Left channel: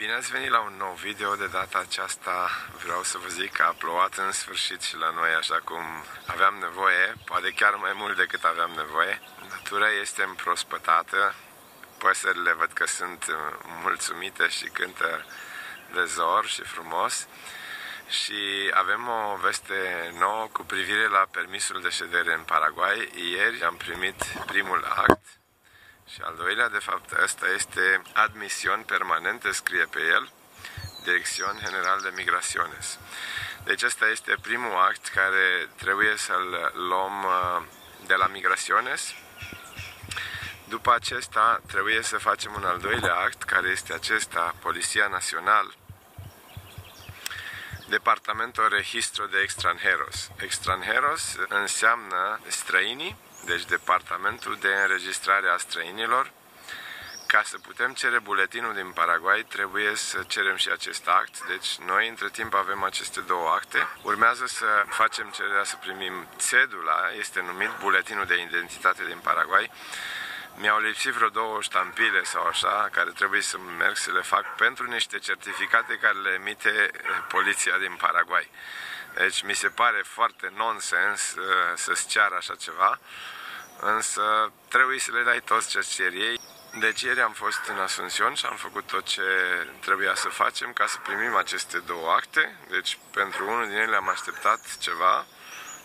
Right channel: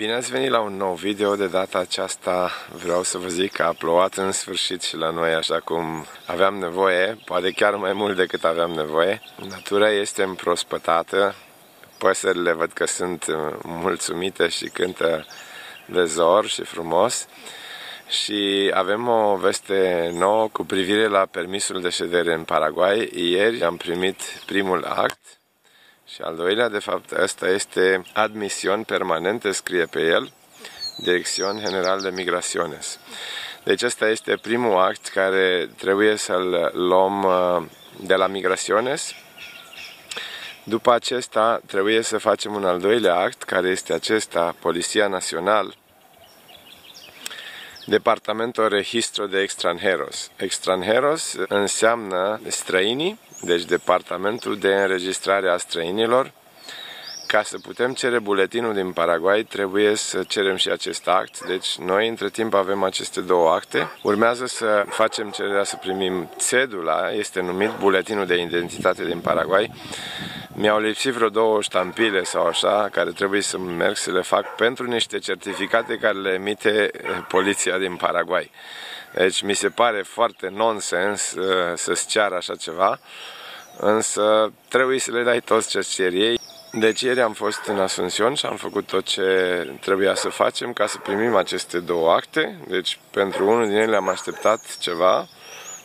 Bine ați venit la un nou video. De data aceasta vreau să vă zic că a plouat în sfârșit și la noi așa cum aveam nevoie, poate chiar mai mult decât aveam nevoie. Natura este împrospătată, păsările văd că sunt mulțumite și cântă de zor și frumos. Și avem o veste nouă cu privire la permisul de ședere în Paraguay. Ieri am primit primul act. Și al doilea, de fapt, ăsta este admisión permanente, scrie pe el, Dirección General de Migraciones. Deci ăsta este primul act care trebuie să-l luăm de la Migraciones. După acesta trebuie să facem un al doilea act, care este acesta, Policía Nacional, Departamento Registro de Extranjeros. Extranjeros înseamnă străinii, deci Departamentul de Înregistrare a Străinilor. Ca să putem cere buletinul din Paraguay, trebuie să cerem și acest act. Deci noi între timp avem aceste două acte. Urmează să facem cererea să primim cedula, este numit buletinul de identitate din Paraguay. Mi-au lipsit vreo două ștampile sau așa, care trebuie să merg să le fac pentru niște certificate care le emite poliția din Paraguay. Deci mi se pare foarte nonsens să-ți ceară așa ceva, însă trebuie să le dai toți ce cer ei. Deci ieri am fost în Asunción și am făcut tot ce trebuia să facem ca să primim aceste două acte. Deci pentru unul din ele am așteptat ceva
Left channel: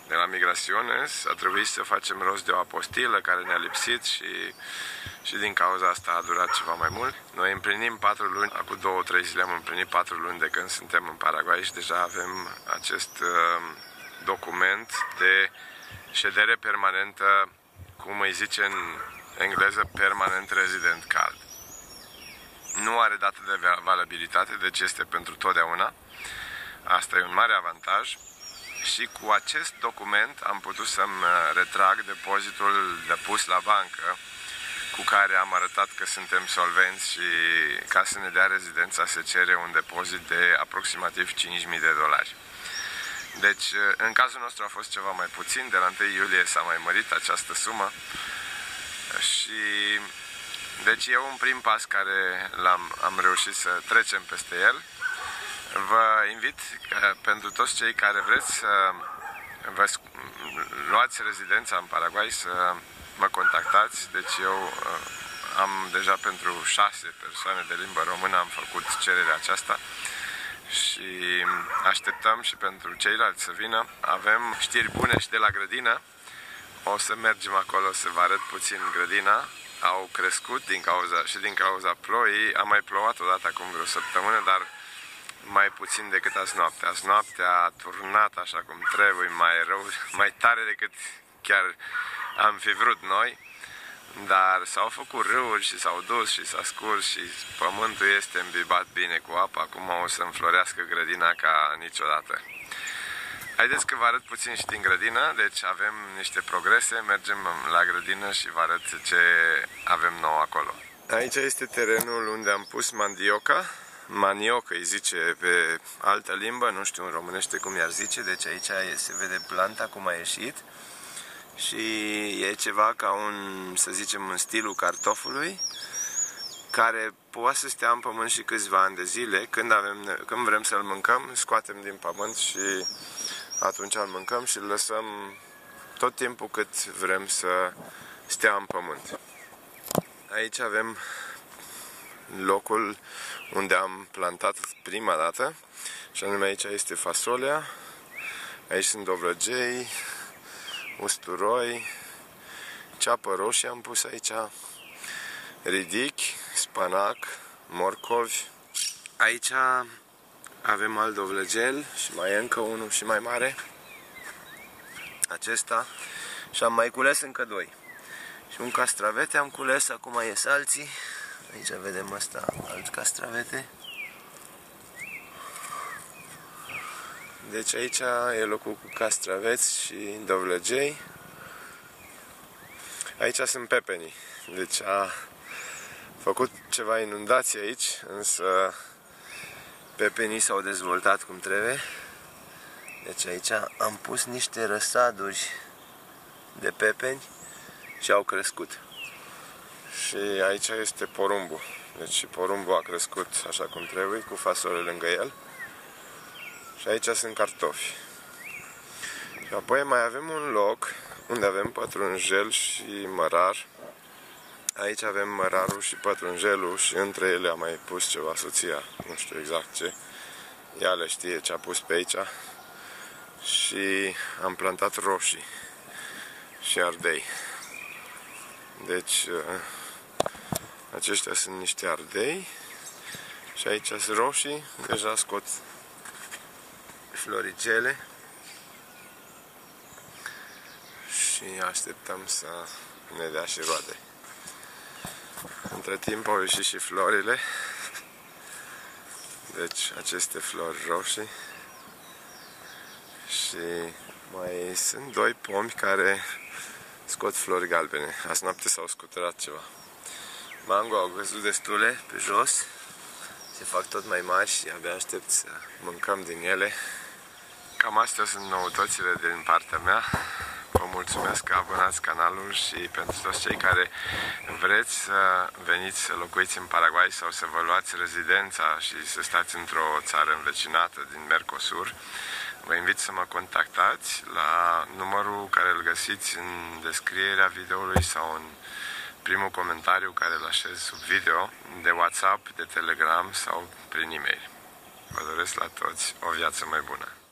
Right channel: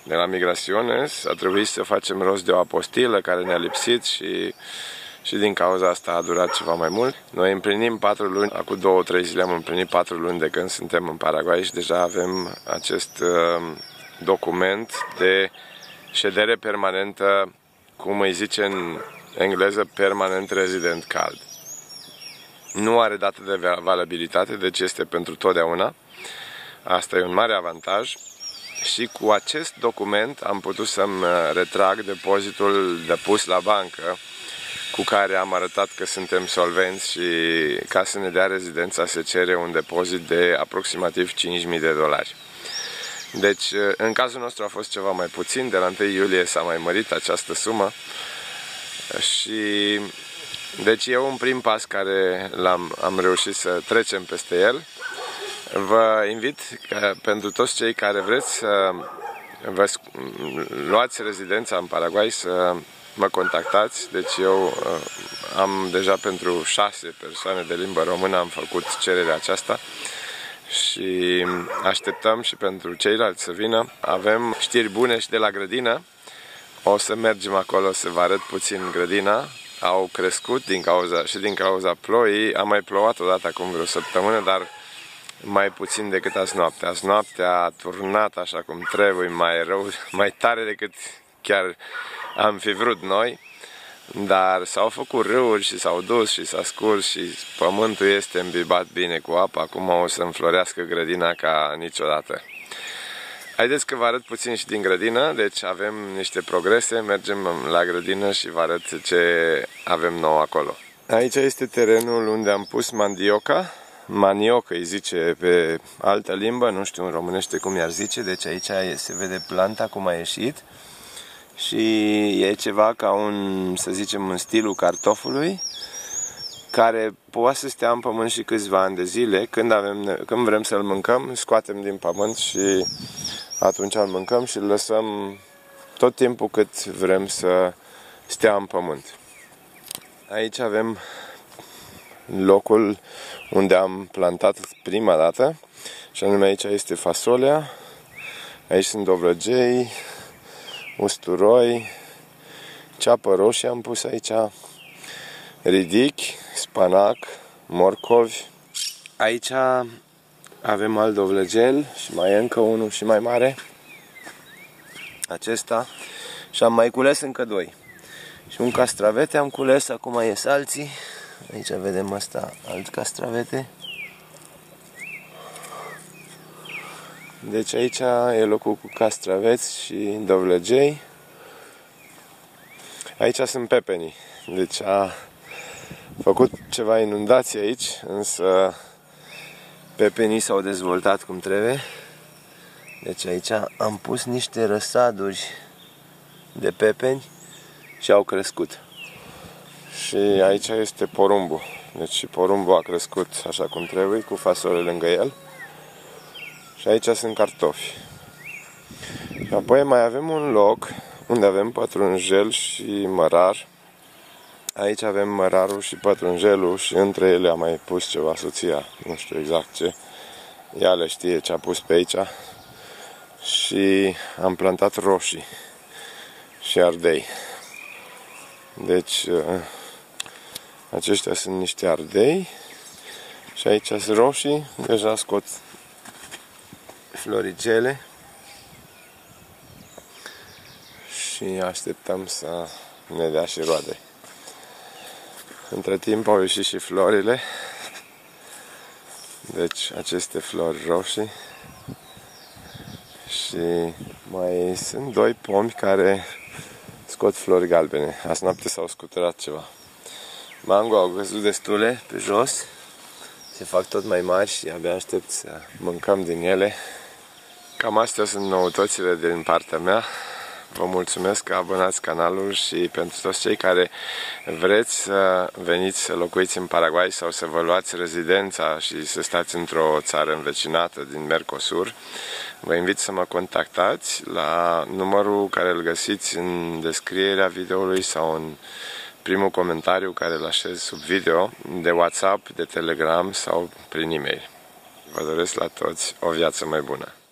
de la Migraciones, a trebuit să facem rost de o apostilă care ne-a lipsit și din cauza asta a durat ceva mai mult. Noi împlinim 4 luni, acum 2-3 zile am împlinit 4 luni de când suntem în Paraguay și deja avem acest document de ședere permanentă, cum îi zice în engleză, Permanent Resident Card. Nu are dată de valabilitate, deci este pentru totdeauna. Asta e un mare avantaj. Și cu acest document am putut să-mi retrag depozitul depus la bancă, cu care am arătat că suntem solvenți și ca să ne dea rezidența se cere un depozit de aproximativ $5.000. Deci, în cazul nostru a fost ceva mai puțin, de la 1 iulie s-a mai mărit această sumă și deci e un prim pas care am reușit să trecem peste el. Vă invit pentru toți cei care vreți să vă luați rezidența în Paraguay să mă contactați. Deci eu am deja pentru 6 persoane de limbă română am făcut cererea aceasta și așteptăm și pentru ceilalți să vină. Avem știri bune și de la grădină. O să mergem acolo să vă arăt puțin grădina. Au crescut din cauza ploii. A mai plouat odată acum vreo săptămână, dar mai puțin decât azi noaptea. Azi noaptea a turnat așa cum trebuie, mai rău, mai tare decât chiar am fi vrut noi, dar s-au făcut râuri și s-au dus și s-a scurs și pământul este îmbibat bine cu apă. Acum o să înflorească grădina ca niciodată. Haideți că vă arăt puțin și din grădină, deci avem niște progrese, mergem la grădină și vă arăt ce avem nou acolo. Aici este terenul unde am pus mandioca. Manioc îi zice pe altă limbă, nu știu în românește cum i-ar zice, deci aici se vede planta cum a ieșit și e ceva ca să zicem, în stilul cartofului, care poate să stea în pământ și câțiva ani de zile. Când vrem să-l mâncăm, scoatem din pământ și atunci îl mâncăm și îl lăsăm tot timpul cât vrem să stea în pământ. Aici avem locul unde am plantat prima dată și anume aici este fasolea, aici sunt dovlăgei, usturoi, ceapă roșie am pus aici, ridichi, spanac, morcovi. Aici avem alt dovlăgel și mai e încă unul și mai mare, acesta, și am mai cules încă 2. Și un castravete am cules, acum ies alții. Aici vedem asta, alt castravete. Deci aici e locul cu castraveți și dovlăgei. Aici sunt pepenii. Deci a făcut ceva inundație aici, însă pepenii s-au dezvoltat cum trebuie. Deci aici am pus niște răsaduri de pepeni și au crescut. Și aici este porumbul. Deci și porumbul a crescut așa cum trebuie, cu fasole lângă el. Și aici sunt cartofi. Și apoi mai avem un loc unde avem pătrunjel și mărar. Aici avem mărarul și pătrunjelul și între ele am mai pus ceva soția, nu știu exact ce. Ea le știe ce a pus pe aici. Și am plantat roșii și ardei. Deci aceștia sunt niște ardei și aici sunt roșii, deja scot floricele și așteptăm să ne dea și roade. Între timp au ieșit și florile, deci aceste flori roșii și mai sunt doi pomi care scot flori galbene. Azi noapte s-au scuturat ceva. Mango au căzut destule pe jos, se fac tot mai mari și abia aștept să mâncăm din ele. Cam astea sunt noutățile din partea mea. Vă mulțumesc că abonați canalul și pentru toți cei care vreți să veniți să locuiți în Paraguay sau să vă luați rezidența și să stați într-o țară învecinată din Mercosur, vă invit să mă contactați la numărul care îl găsiți în descrierea videoului sau în primul comentariu care îl așez sub video, de WhatsApp, de Telegram sau prin e-mail. Vă doresc la toți o viață mai bună!